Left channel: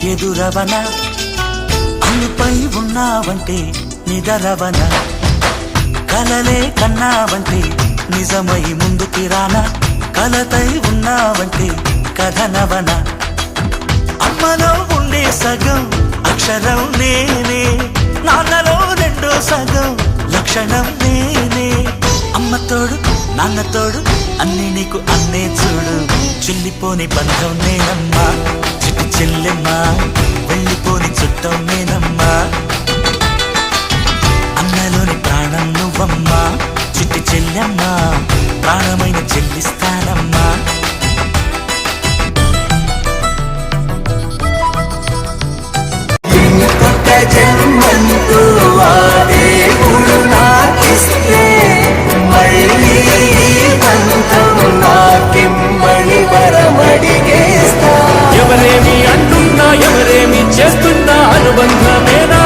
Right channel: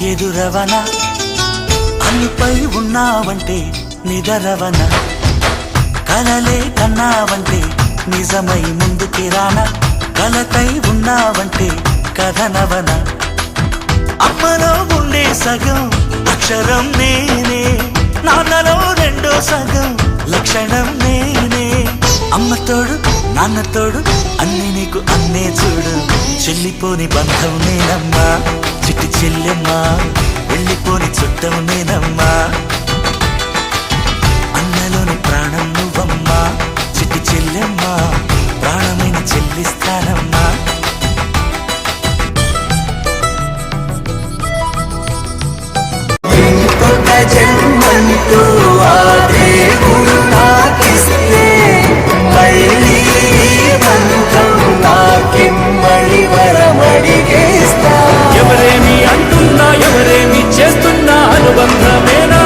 ఎదురవన అన్నిపై ఉన్నావంటే నిదరవన కలలే కన్నావంటే నిజమై ముందుకి రానా కలతై ఉన్నావంటే కథనవన అమ్మలో ఉండే సగం అక్షరం నేనే నాన్నలో రెండో సగం లక్షణం నేనే అమ్మ తోడు నాన్న తోడు అన్ని నీకు అన్నే చూడు చెల్లిపోని బంధం నేనమ్మా చిటి చెల్లెమ్మా వెళ్ళిపోని చుట్టం నేనమ్మా అన్నలోని ప్రాణం నువ్వమ్మా చిటి చెల్లెమ్మా ప్రాణమైన చెల్లిస్తానమ్మా ఇంకొక జన్మంటూ ఆ దేవుడు నాకిస్తే మళ్ళీ బంధం నాకిమ్మని వరమడిగేస్తా. ఎవరేమి అంటున్నా ఎవరేమి చేస్తున్నా అనుబంధమేనా